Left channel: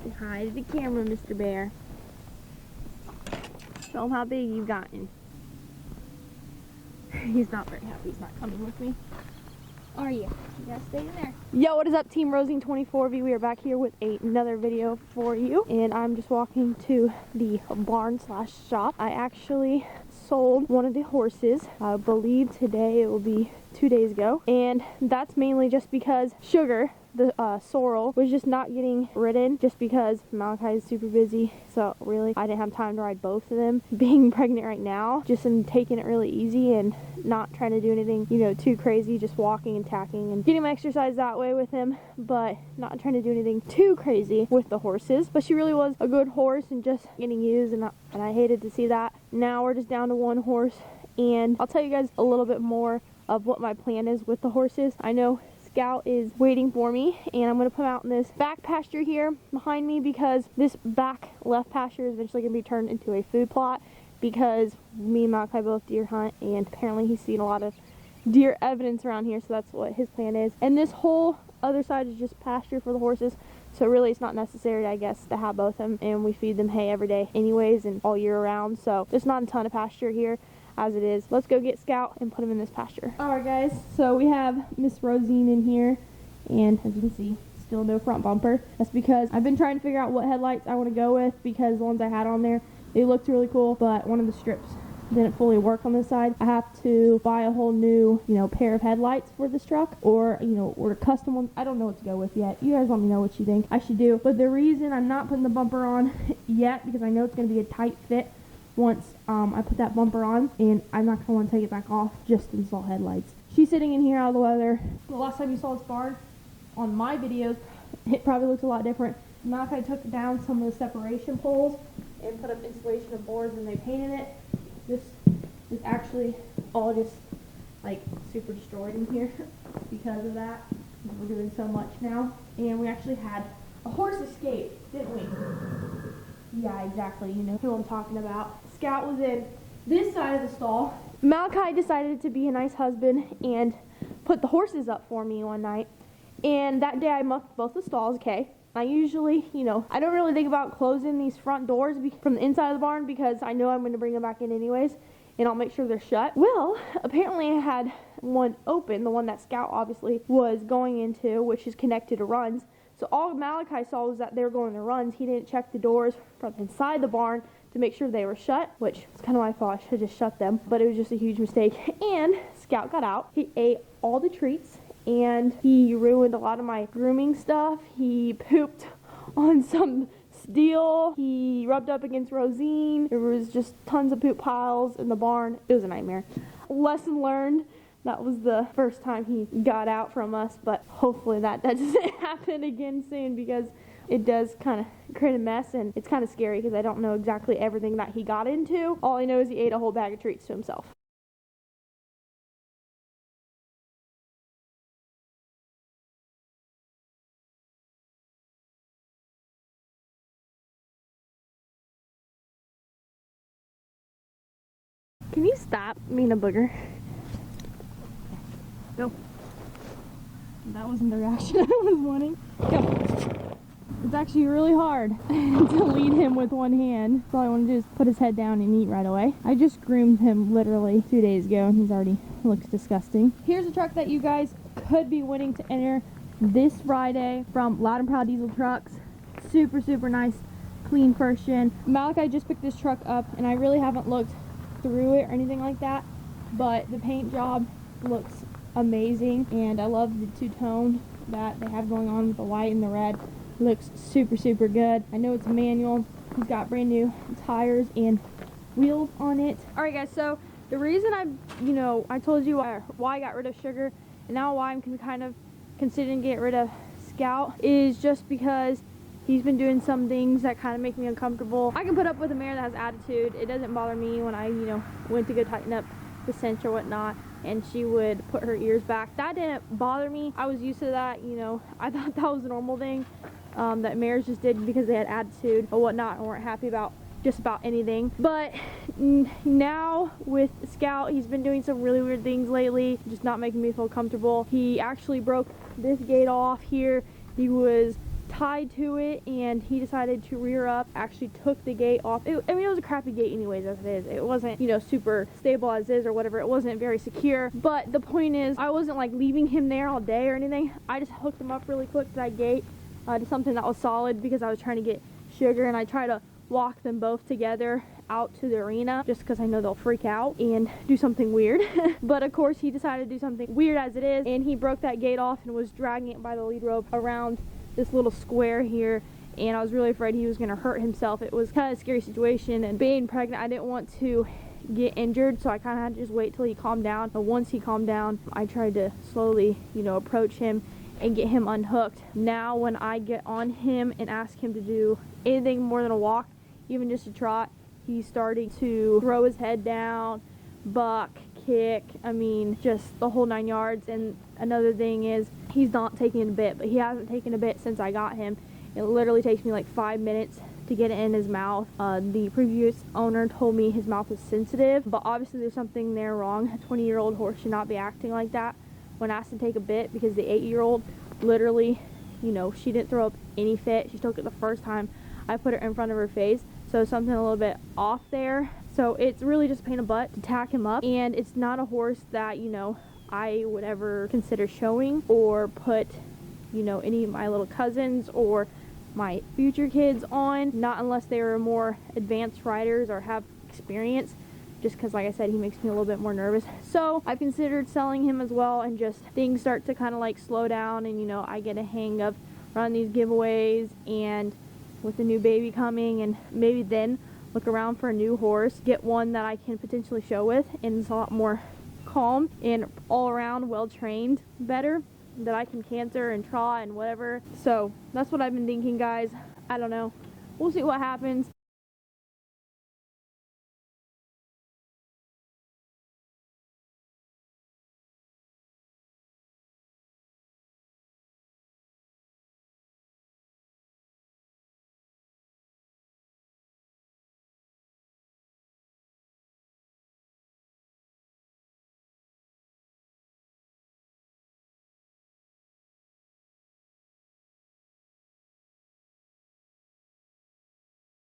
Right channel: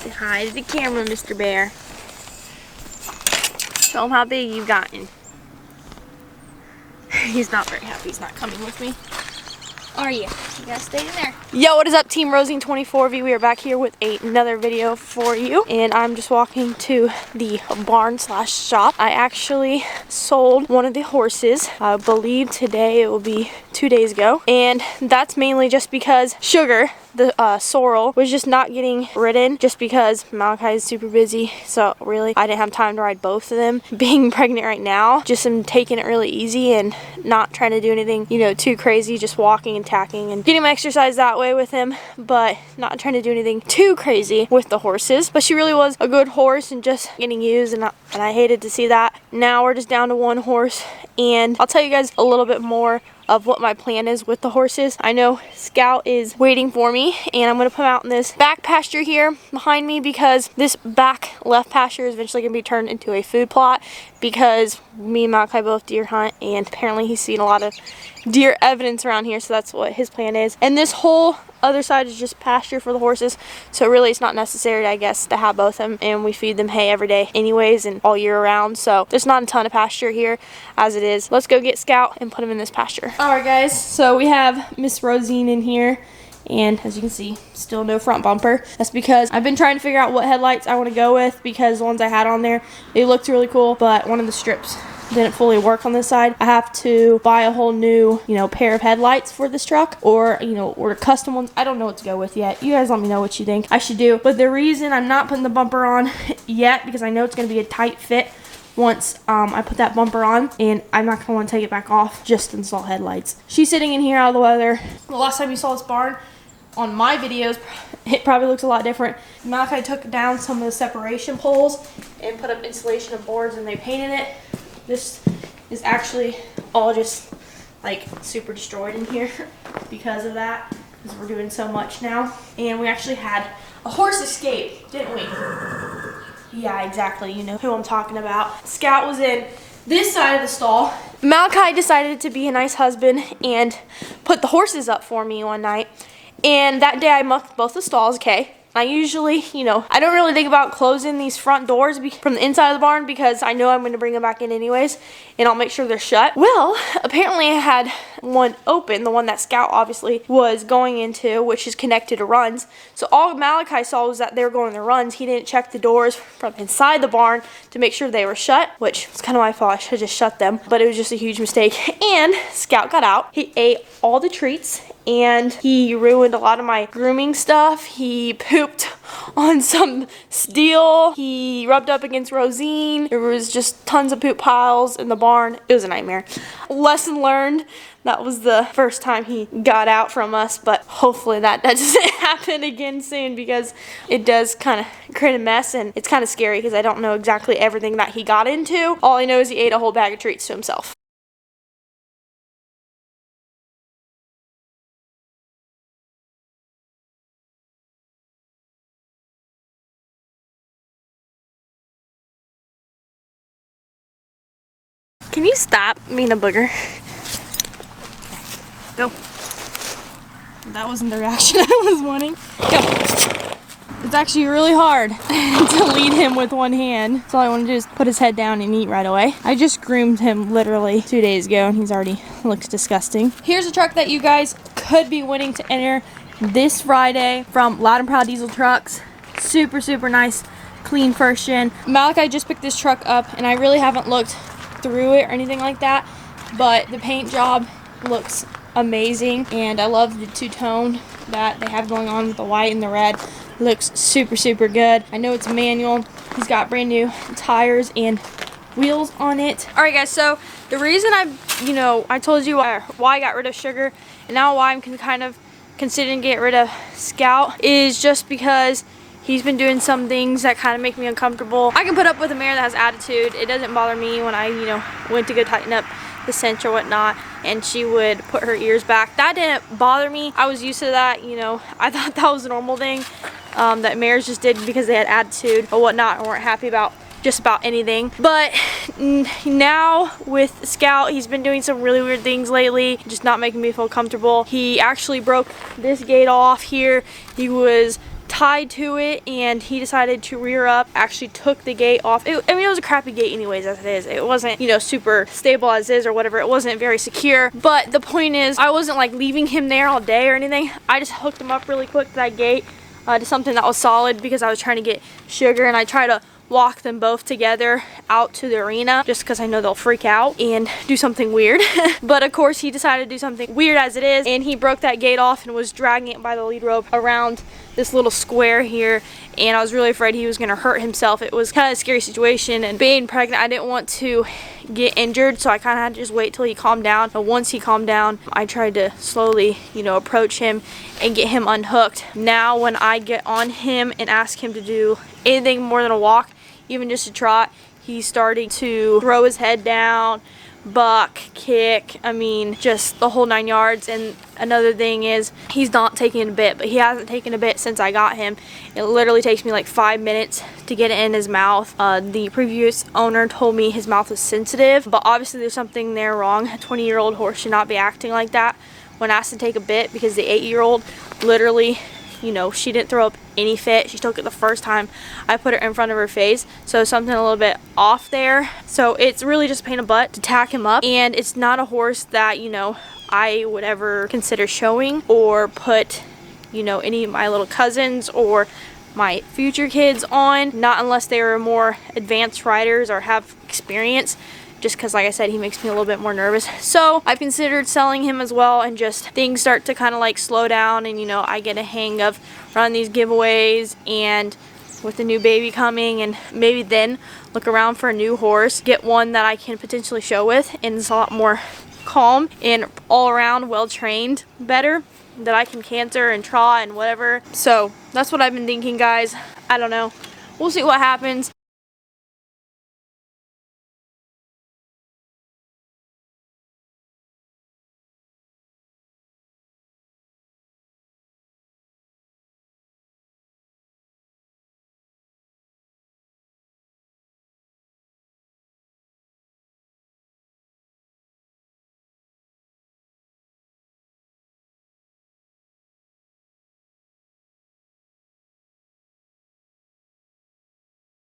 Say hi to the camera, Mr. Bear. Show him how big you've gotten. He's not very happy he's not coming with me. Are you? You gotta stay in there. Yo, what is up, Team Rosine 24V? We are back here with another video for you. And I'm just walking to the barn slash shop. I actually sold one of the horses. I believe today, it will be 2 days ago. And that's mainly just because Sugar, the sorrel, was just not getting ridden just because Malachi is super busy. So really, I didn't have time to ride both of them. Being pregnant right now, just am taking it really easy and not trying to do anything, you know, too crazy. Just walking and tacking and getting my exercise that way with him, but not trying to do anything too crazy with the horses. But she really was a good horse and just getting used, and I hated to see that. Now we're just down to one horse, and I'll tell you guys a little bit more of what my plan is with the horses. I know Scout is waiting for me, and I'm gonna put him out in this back pasture here behind me because this back left pasture is eventually gonna be turned into a food plot because me and Malachi both deer hunt, and apparently he's seen a lot of deer evidence around here, so that's what his plan is. And this whole other side is just pasture for the horses, so really it's not necessary, I guess, to have both of them, and we feed them hay every day anyways and all year round, so there's not a ton of pasture here as it is. Let's go get Scout and put him in this pasture. Alright guys, so we have Miss Rosine in here, and as you can see, still no front bumper. That's because I've been trying to figure out what headlights I want to go with, because the ones I had on there, they looked really cool, but one of the strips didn't fully work on this side. I have to buy a whole new, you know, pair of headlights for this truck, or, you know, order custom ones. I don't know what to go with yet. You guys let me know what you think I should do. But the reason I'm not putting the bumper on yet, because I know it's going to be a tight fit once I put that bumper on, and I'm not going to want to take it back off just to install headlights. She's sitting in here out of the weather. The last time you saw this barn on my videos, it probably looks a lot different. Malachi took down some of the separation poles and put up insulation of boards, and they painted it. This is actually all just like super destroyed in here because of that, because we're doing so much now. And we actually had a horse escape, didn't we? Yeah, exactly. You know who I'm talking about. Scout was in this side of the stall. Malachi decided to be a nice husband and put the horses up for me one night. And that day I mucked both the stalls, okay? I usually, you know, I don't really think about closing these front doors from the inside of the barn because I know I'm going to bring them back in anyways, and I'll make sure they're shut. Well, apparently I had one open, the one that Scout obviously was going into, which is connected to runs. So all Malachi saw was that they were going to runs. He didn't check the doors from inside the barn to make sure they were shut, which was kind of my fault. I should have just shut them, but it was just a huge mistake. And Scout got out. He ate all the treats, and he ruined a lot of my grooming stuff. He pooped on some steel. He rubbed up against Rosine. There was just tons of poop piles in the barn. It was a nightmare. Lesson learned. That was the first time he got out from us, but hopefully that doesn't happen again soon, because it does kind of create a mess, and it's kind of scary because I don't know exactly everything that he got into. All I know is he ate a whole bag of treats to himself. Can you stop being a booger? Go. That wasn't the reaction I was wanting. Go. It's actually really hard to lead him with one hand. So all I want to do is put his head down and eat right away. I just groomed him literally 2 days ago, and he's already looks disgusting. Here's a truck that you guys could be winning to enter this Friday from Loud and Proud Diesel Trucks. Super, super nice, clean first gen. Malachi just picked this truck up, and I really haven't looked through it or anything like that, but the paint job looks amazing, and I love the two-tone that they have going on with the white and the red. Looks super, super good. I know it's manual. He's got brand new tires and wheels on it. All right guys, so the reason I told you why I got rid of Sugar, and now why I'm kind of considering getting rid of Scout, is just because he's been doing some things that kind of make me uncomfortable. I can put up with a mare that has attitude. It doesn't bother me when I, went to go tighten up the cinch or whatnot, and she would put her ears back. That didn't bother me. I was used to that, I thought that was a normal thing that mares just did because they had attitude or whatnot, or weren't happy about just about anything. But now with Scout, he's been doing some really weird things lately, just not making me feel comfortable. He actually broke this gate off here. He was tied to it, and he decided to rear up, actually took the gate off. I mean, it was a crappy gate anyways as it is. It wasn't, you know, super stable as is or whatever. It wasn't very secure, but the point is I wasn't like leaving him there all day or anything. I just hooked him up really quick to that gate, to something that was solid, because I was trying to get Sugar, and I try to walk them both together out to the arena just because I know they'll freak out and do something weird. But of course he decided to do something weird as it is, and he broke that gate off and was dragging it by the lead rope around this little square here, and I was really afraid he was going to hurt himself. It was kind of a scary situation, and being pregnant, I didn't want to get injured, so I kind of had to just wait till he calmed down. But once he calmed down, I tried to slowly, you know, approach him and get him unhooked. Now when I get on him and ask him to do anything more than a walk, even just a trot, he's starting to throw his head down, buck, kick, I mean, just the whole 9 yards. And another thing is, he's not taking a bit, but he hasn't taken a bit since I got him. It literally takes me like 5 minutes to get it in his mouth. The previous owner told me his mouth was sensitive, but obviously there's something there wrong. A 20-year-old horse should not be acting like that when asked to take a bit, because the 8-year-old literally, you know, she didn't throw up any fit. She took it the first time I put her in front of her face, so something a little bit off there. So it's really just a pain in the butt to tack him up, and it's not a horse that, you know, I would ever consider showing or put, you know, any of my little cousins or my future kids on, not unless they were more advanced riders or have experience, just because, like I said, he makes me a little bit more nervous. So I've considered selling him as well, and just things start to kind of like slow down, and, you know, I get a hang of running these giveaways, and with the new baby coming, and maybe then look around for a new horse, get one that I can potentially show with, and it's a lot more calm and all around well trained better, that I can canter and trot and whatever. So that's what I've been thinking, guys. I don't know, we'll see what happens.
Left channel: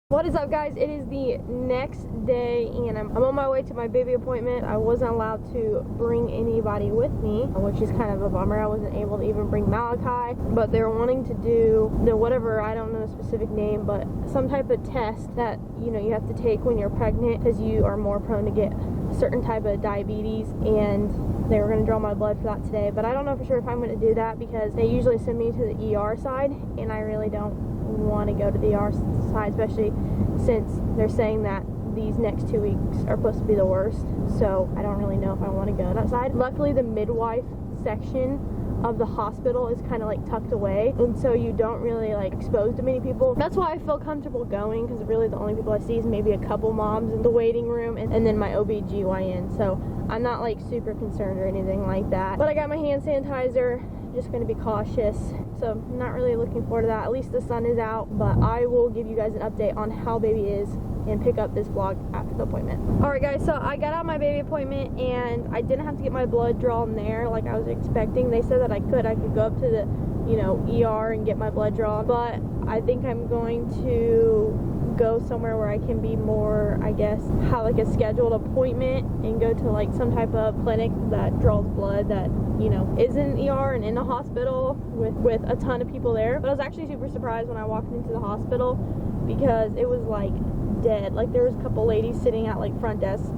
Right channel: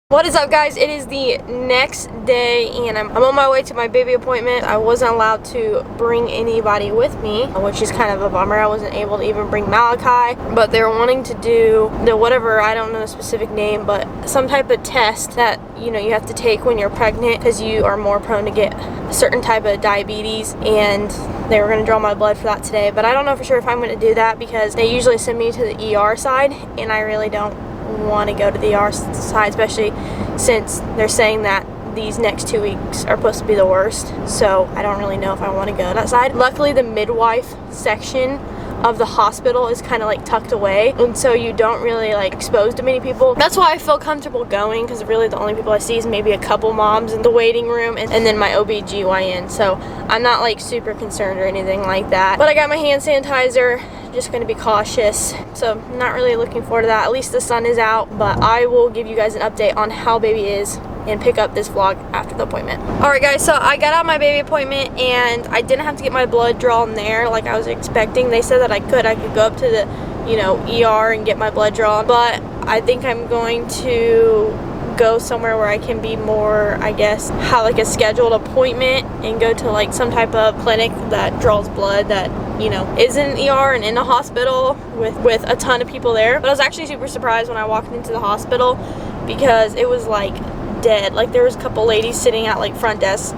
What is up, guys? It is the next day, and I'm on my way to my baby appointment. I wasn't allowed to bring anybody with me, which is kind of a bummer. I wasn't able to even bring Malachi, but they were wanting to do the whatever, I don't know the specific name, but some type of test that, you know, you have to take when you're pregnant because you are more prone to get a certain type of diabetes, and they were going to draw my blood for that today. But I don't know for sure if I'm going to do that, because they usually send me to the ER side, and I really don't want to go to the ER side, especially since they're saying that these next 2 weeks are supposed to be the worst. So I don't really know if I want to go to that side. Luckily, the midwife section of the hospital is kind of like tucked away, and so you don't really like expose to many people. That's why I feel comfortable going, because really the only people I see is maybe a couple moms in the waiting room, and then my OB/GYN. So I'm not like super concerned or anything like that. But I got my hand sanitizer, just going to be cautious, so not really looking forward to that. At least the sun is out, but I will give you guys an update on how baby is and pick up this vlog after the appointment. Alright guys, so I got out my baby appointment, and I didn't have to get my blood drawn there like I was expecting. They said that I could go up to the, you know, ER and get my blood drawn, but I think I'm going to go somewhere where I can be more, I guess, have like a scheduled appointment and go to like some type of clinic that draws blood that, you know, is in an ER and in a hospital with a ton of people there. But I was actually super surprised when I walked into the hospital, because it was like dead. Like there was a couple ladies sitting at like front desk,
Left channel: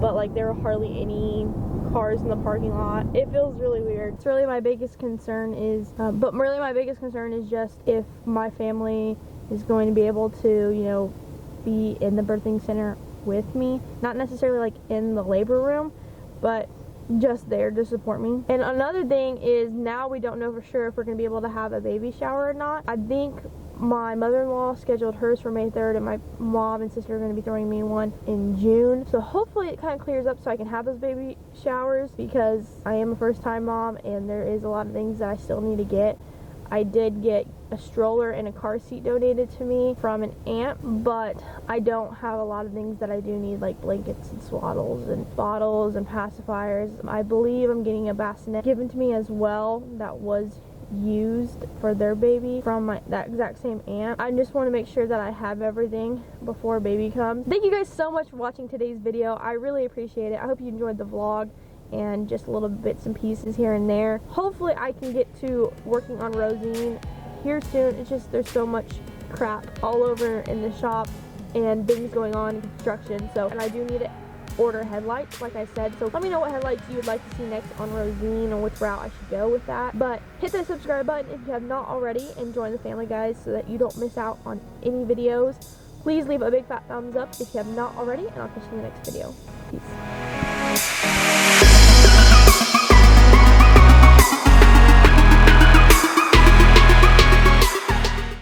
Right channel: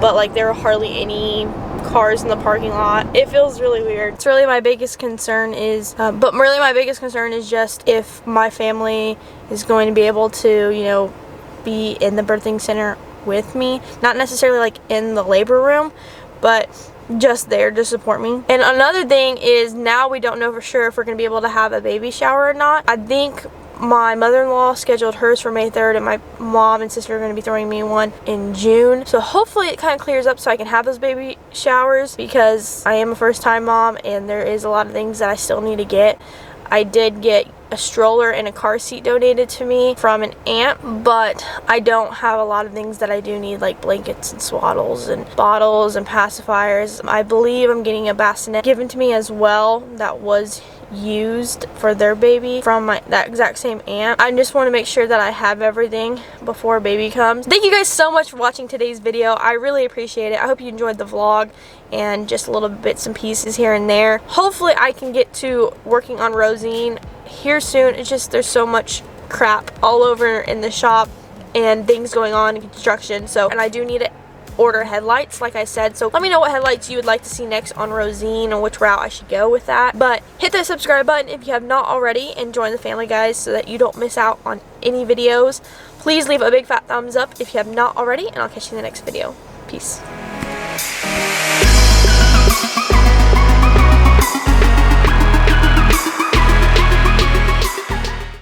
but like there were hardly any cars in the parking lot. It feels really weird. It's really my biggest concern is, my biggest concern is just if my family is going to be able to, you know, be in the birthing center with me. Not necessarily like in the labor room, but just there to support me. And another thing is, now we don't know for sure if we're going to be able to have a baby shower or not. I think my mother-in-law scheduled hers for May 3rd, and my mom and sister are going to be throwing me one in June. So hopefully it kind of clears up so I can have those baby showers, because I am a first-time mom and there is a lot of things that I still need to get. I did get a stroller and a car seat donated to me from an aunt, but I don't have a lot of things that I do need, like blankets and swaddles and bottles and pacifiers. I believe I'm getting a bassinet given to me as well that was used for their baby from that exact same aunt. I just want to make sure that I have everything before baby comes. Thank you guys so much for watching today's video. I really appreciate it. I hope you enjoyed the vlog and just little bits and pieces here and there. Hopefully I can get to working on Rosine here soon. It's just there's so much crap all over in the shop and things going on in construction, and I do need to order headlights like I said, so let me know what headlights you would like to see next on Rosine and which route I should go with that. But hit that subscribe button if you have not already and join the family, guys, so that you don't miss out on any videos. Please leave a big fat thumbs up if you have not already, and I'll catch you in the next video. Peace.